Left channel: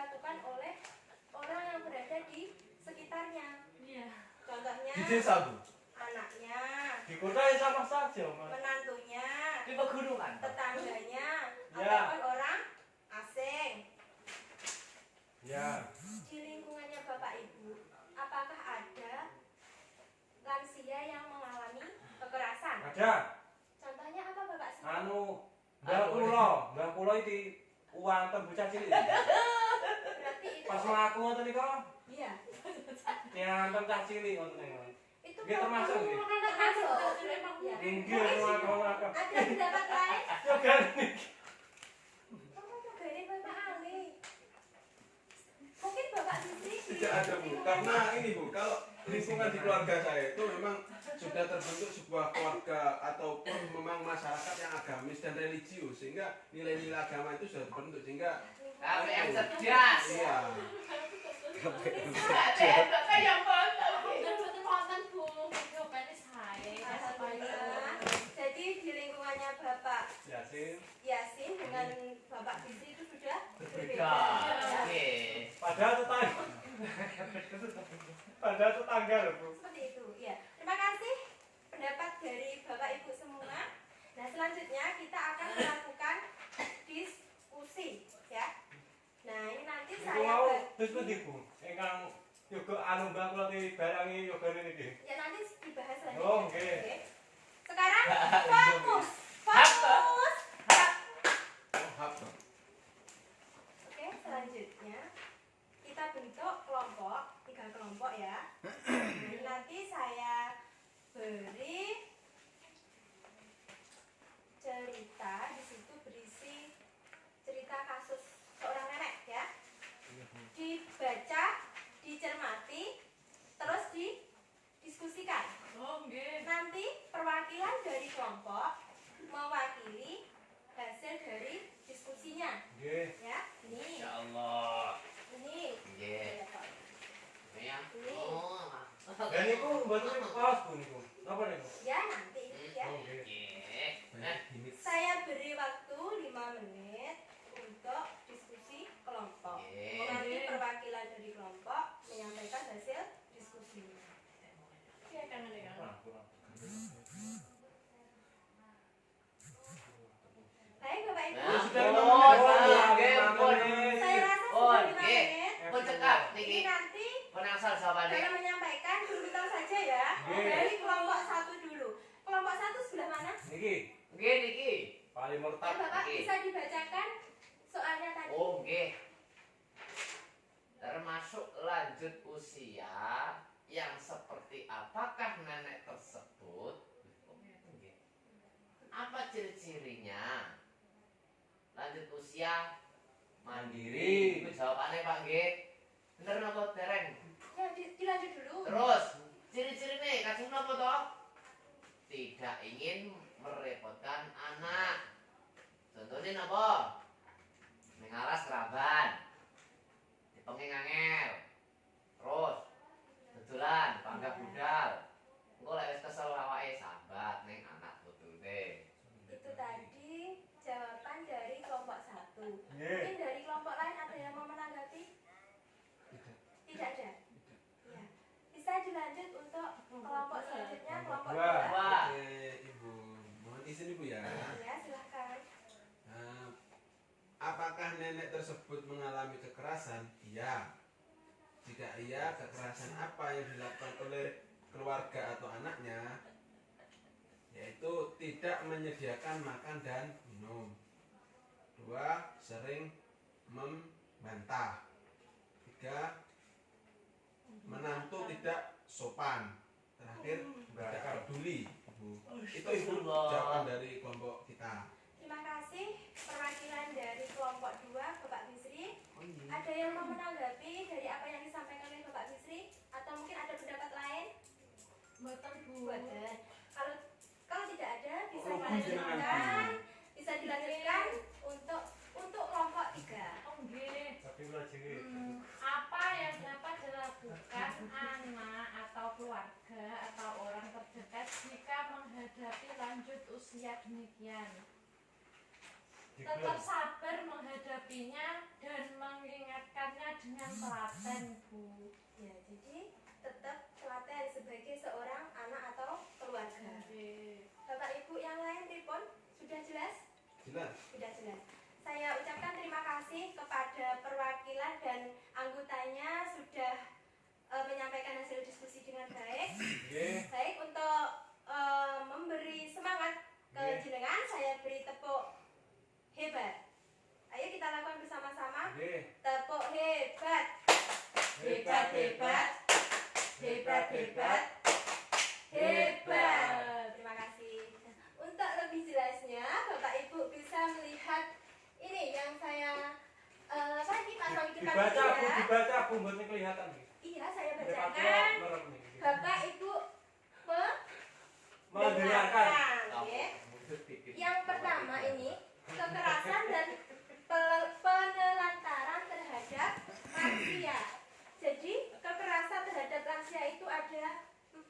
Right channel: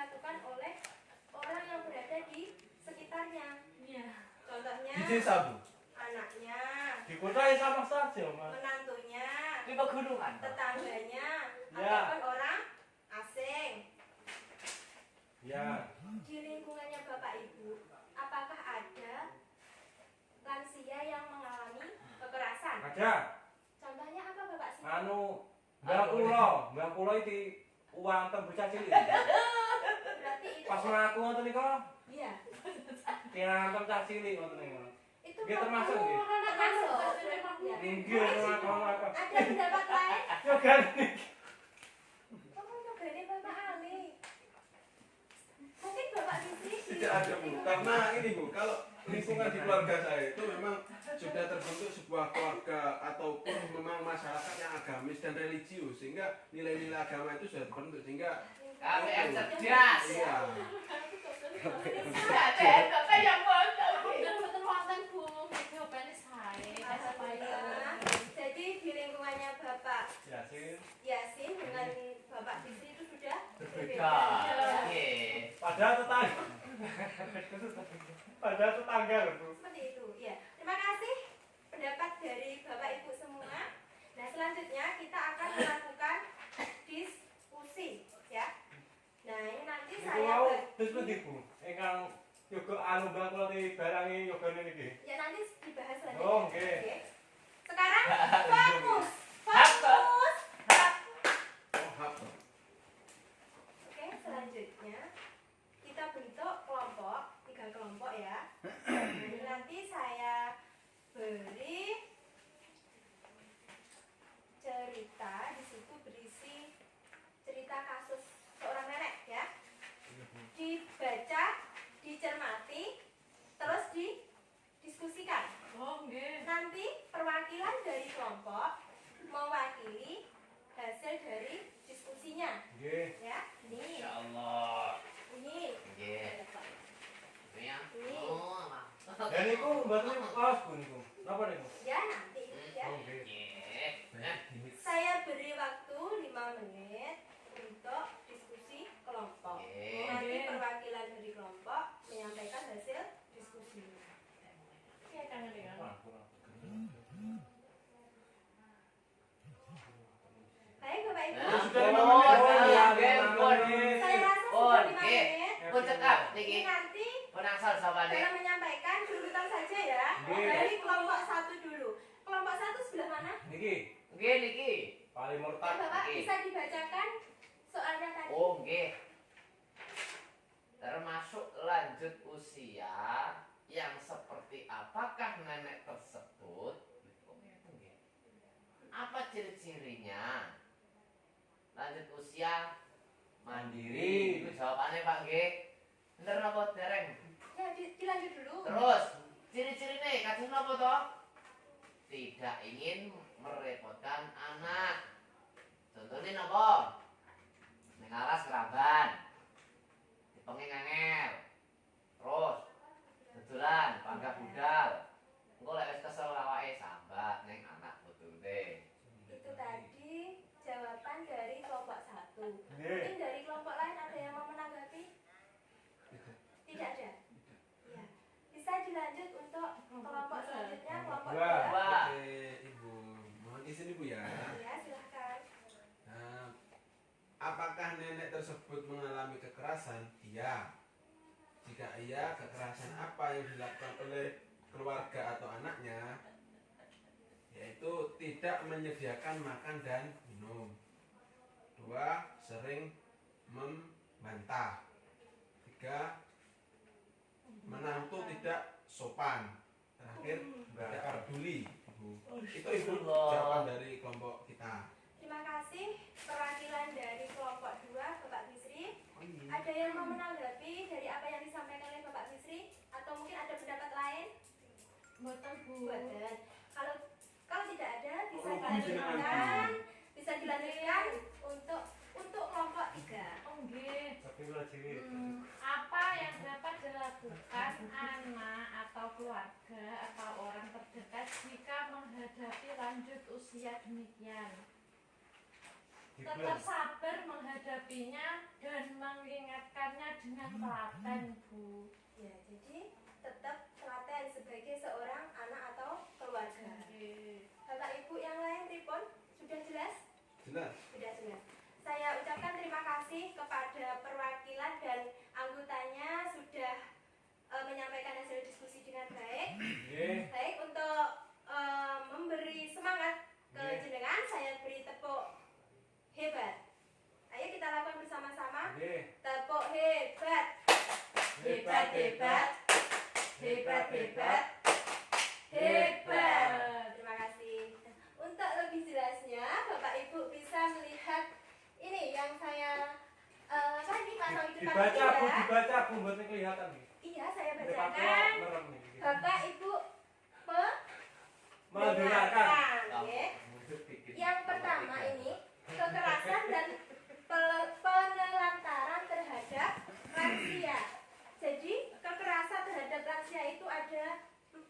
dilakukan oleh orang yang berada di sekitarnya. Iya. Contohnya Di desa, Bu. anaknya, Di kota ya sama saja, Mas. menantunya, Di pegunungan. tetangganya, Ya. ataupun orang asing. Ya. Di lingkungannya Bapak Ibu, apakah ada lansia yang mengalami kekerasan? Ada. Contohnya apa Bapak sih? Mbak Kulo iki uwantem bocah cilik. Berarti itu. Pas mlaku ngoten niku, Iya. nyantem cah cilik ngoten niku. Itu Nggih termasuk nggih. termasuk. Ya. Nggih ngono. Ada pendapat lain? Yo kan niki. Kamu nyogani Bapak Ali. Mungkin Bapak Sisi Tidak ada, Bu, karena ini, Bu, kalau lingkungan di keluarga saya itu memang sudah terbentuk sebuah keluarga ataupun memang masyarakat yang agamis dan religius, sehingga nilai-nilai agama itu sudah terbentuk, sehingga KPM cerdas. iya. Bapak yang bangga. Betul wonten Bu. Jawabannya saya. Alhamdulillah. Jadi di lingkungannya Bapak Yasin. Yasin dengan Bapak Sisi itu sudah Berbeda. Oke. Padahal tetangga lho, Bu. Seperti itu, ya. Terima kasih pendapat dari Bapak Ibu semua. Nah, selanjutnya kita akan melakukan diskusi, ya. Nah, ini nanti Niku saya mau terus pundi, Bu? Ingkang yoga anu Mbak Kulo dibarangi yogane niki. ya nanti dibahas lagi. Oh, oke. Oke. Sekarang fokus. Fokus. Oh, apa? Oke, selanjutnya kita bentuk kelompok, 3 kelompok ya. Nah, nanti saya beri cerita, di situ berisi cerita kasus seorang nenek ya. Dibaca, dicermati, terus didiskusikan. Oh, nggih. Nanti perwakilan dari kelompok mewakili hasil dari diskusinya Nggih. ya. Ini, Insyaallah. ini. Nggih. Ini ya. Oh. Dan niku mboten kelas, Bu niku. Napa niku? Ya nanti ya. Oh, nggih. Nggih. Nah, Saya beri waktu 5 menit untuk diskusi kelompok. Oke. Nanti perwakilan dari kelompok menyampaikan hasil diskusinya. Iya kan ini kan. Baik Bapak Ibu. Nah, sudah oh, 5 menit. nggih, pun. Saya rasa Oh, sudah 5 nggih. menit. Pun cekak Ini niki. nanti Penangsal sapane. dalam menyampaikan berbentar saja ya. Nggih. Dari kelompok 1 dulu. Kelompok 1 sebelah mana? Niki Nggih niki. paling Ya, murtad. Bapak Nggih. bisa dibacakan soalnya tadi. Oh, nggih. Termasuk lanjut usia yang seperti apakah nenek tersebut? Apa ciri-cirinya? Lanjut usia mandiri. Itu jawabannya Pak nggih. Bener napa dereng? Ya, dilanjut dulu. Terus ciri-cirine kados napa to? Tidak ingin merepotkan anak. Contohnya napa? Mengalas keraban. Dipenging angel. Terus betulan panggah budal. Engko lek wis kesel awake sambat ning anak tutune. Itu tadi jawaban dari kelompok 1. Nggih. Mungkin dari kelompok lain ada yang mau menanggapi? Tidak ada. Ya. Bisa dilanjut untuk kelompok selanjutnya, kelompok Dua. 2. Wah. Oke, Ibu, mohon izin Ibu ya. Ya, silakan. Nah, apakah nenek tersebut mengalami kekerasan? Iya. Jika iya, kekerasan apa yang dilakukan oleh keluarga atau anaknya? Yaitu tidak menyediakan makan dan minum. 2. Sering membantah. 3. Menantu tidak sopan. Terakhir, tidak peduli. Ibu. Itu Ibu jawaban dari kelompok kita. Terima kasih perwakilan dari kelompok 2, Bapak Bisri. Oh, iya. Ada yang mau menanggapi dari apa yang disampaikan oleh Bapak Bisri? Atau mungkin ada pendapat lain? Mboten Bu. Buatan. Kalau tidak ada, bisa Oh, dilanjutkan. Bisa dilanjutkan untuk kelompok 3. Oh, nggih. Tapi kula cilik. Apa yang dapat dilakukan anak atau keluarga atau orang terdekat jika menghadapi lanjut usia demikian? Tetap sabar menghadapinya dan mengingatkan menyampaikannya dengan telaten, Bu. Ya, jadi tetap telaten sebagai seorang anak atau keluarga. Bapak Ibu yang lain pripun? Sudah jelas? Jelas. Sudah jelas. Saya ucapkan terima kasih kepada perwakilan dan anggotanya sudah menyampaikan hasil diskusi dengan baik. Baik, untuk memberi semangat ke jenengan, saya beri tepuk hebat. Ayo kita lakukan bersama-sama. Tepuk hebat. Hebat, hebat. Hebat, hebat. Hebat. Terima kasih. Untuk lebih jelasnya, Bapak Ibu bisa melihat ini yang saya tadi pasang di depan Dibaca ini Bu, ya. dibaca Bu, mboten kelihatan nih. Iya, saya Depan bacakan. merem nih. Bapak Ibu Mendengarkan. ya. Yang pertama ini kekerasan dan penelantaran terhadap lansia. Jadi kekerasan terhadap lansia itu ada 4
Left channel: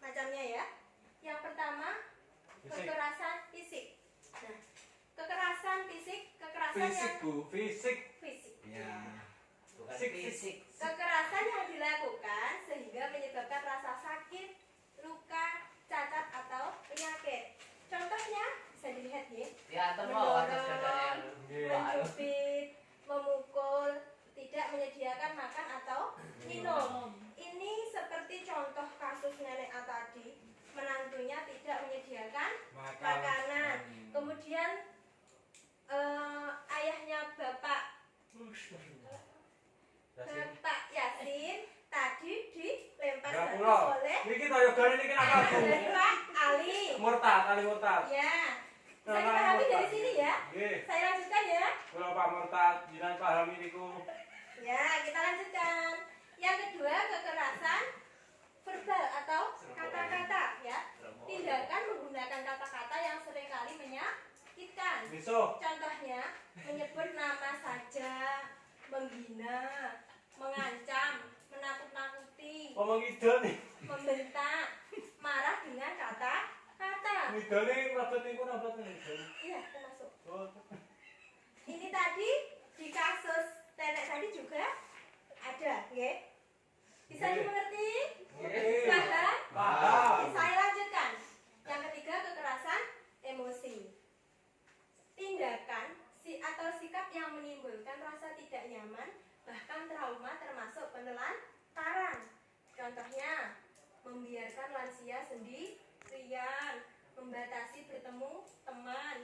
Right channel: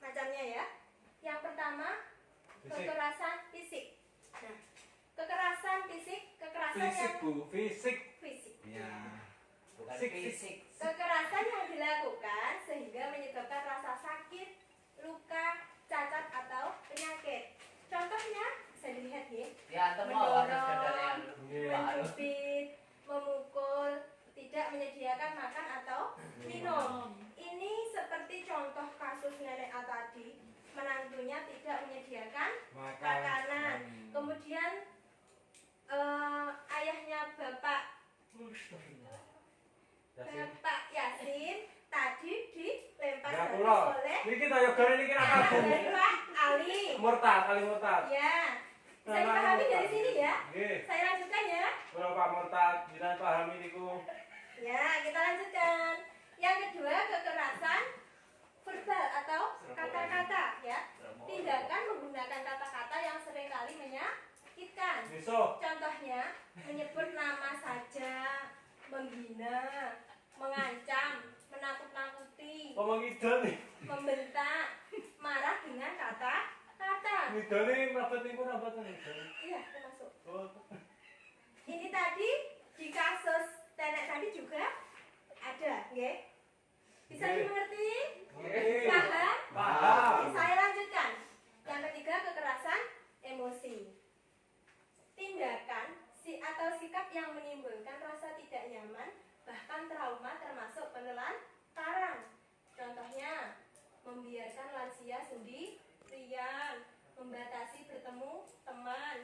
macamnya ya. Yang pertama kekerasan fisik. Nah, kekerasan fisik, kekerasan Fisik, yang Bu. Fisik. fisik. Ya. Bukan Fisik. fisik. Kekerasan yang dilakukan sehingga menyebabkan rasa sakit, luka, cacat atau penyakit. Contohnya bisa dilihat ya. Ya, temu atas dadanya. Mencubit, memukul, tidak menyediakan makan atau minum. Ini seperti contoh kasus nenek A tadi, menantunya tidak menyediakan makanan. Kemudian ayahnya Bapak Yasin tadi dilempar Enggak garis kula. oleh Niki ta yo gare niki apa Bu? Hendra Ali. Murtad, Ali Murtad. Ya, bisa dipahami dari sini ya. Nggih. Saya lanjutkan ya. Kula Pak Murtad, jenengan pahami niku. Ya, kita lanjutkan. Yang kedua, kekerasan verbal atau kata-kata ya. Tindakan menggunakan kata-kata yang seringkali menyakitkan. Besok. Contohnya, menyebut nama saja, menghina, mengancam, menakut-nakuti, Ngomong ide nih. membentak, marah dengan kata-kata. Ngidane mlebet niku napa ten? Iya, termasuk. Oh. Ini tadi di kasus nenek tadi juga ada, ya. Bisa Nggih. dimengerti? Nggih. Paham? Paham. Oke, saya lanjutkan. Yang ketiga, kekerasan emosi. Tindakan atau sikap yang menimbulkan rasa tidak nyaman, bahkan trauma termasuk penelantaran. Contohnya, membiarkan lansia sendirian, membatasi bertemu teman,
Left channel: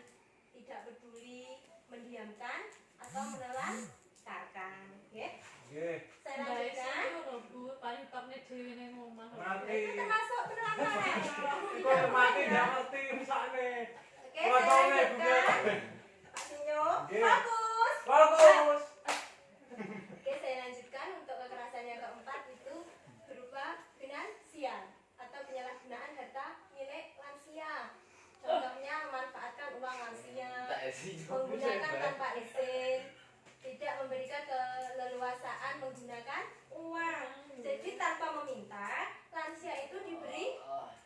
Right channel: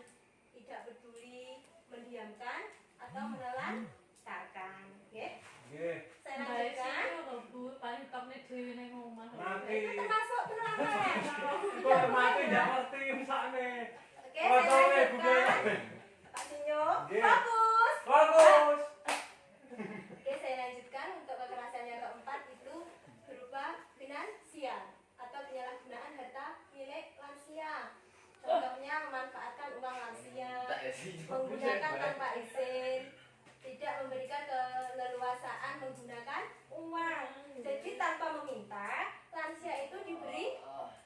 tidak peduli, mendiamkan atau menelantarkan. Oke? Nggih. Saya Baik lanjutkan. sih lho, Bu, paling tokne dhewe ning omah. Nanti. Itu termasuk penelantaran. Kok mati ndak ngerti misane. Oke, saya lanjutkan. Pak Senyum, Nggih. fokus. Bagus. Oke, saya lanjutkan untuk kekerasan yang keempat itu berupa finansial atau penyalahgunaan harta milik lansia. Contohnya memanfaatkan uang lansia, menggunakan tanpa izin, tidak memberikan keleluasaan menggunakan uang. Jadi tanpa meminta, lansia itu diberi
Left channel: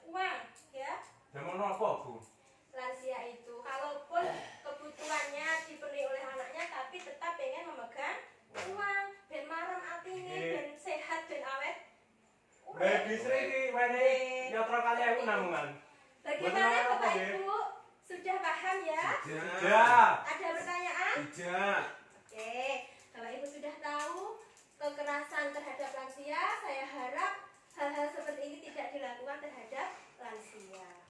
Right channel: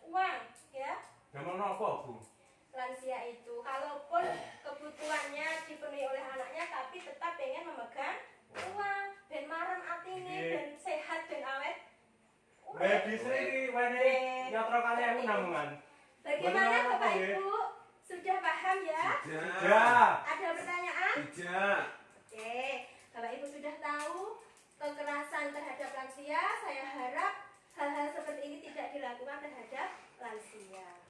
uang, ya. Zaman apa, Bu? Lansia itu kalaupun kebutuhannya dipenuhi oleh anaknya tapi tetap pengen memegang uang dan marem atine dan sehat dan awet. Medis iki wene nyotro kali aku nanggungan. Bagaimana Benar, Bapak ya? Ibu? Sudah paham ya? Tidak. Ya. Ada pertanyaan? Tidak.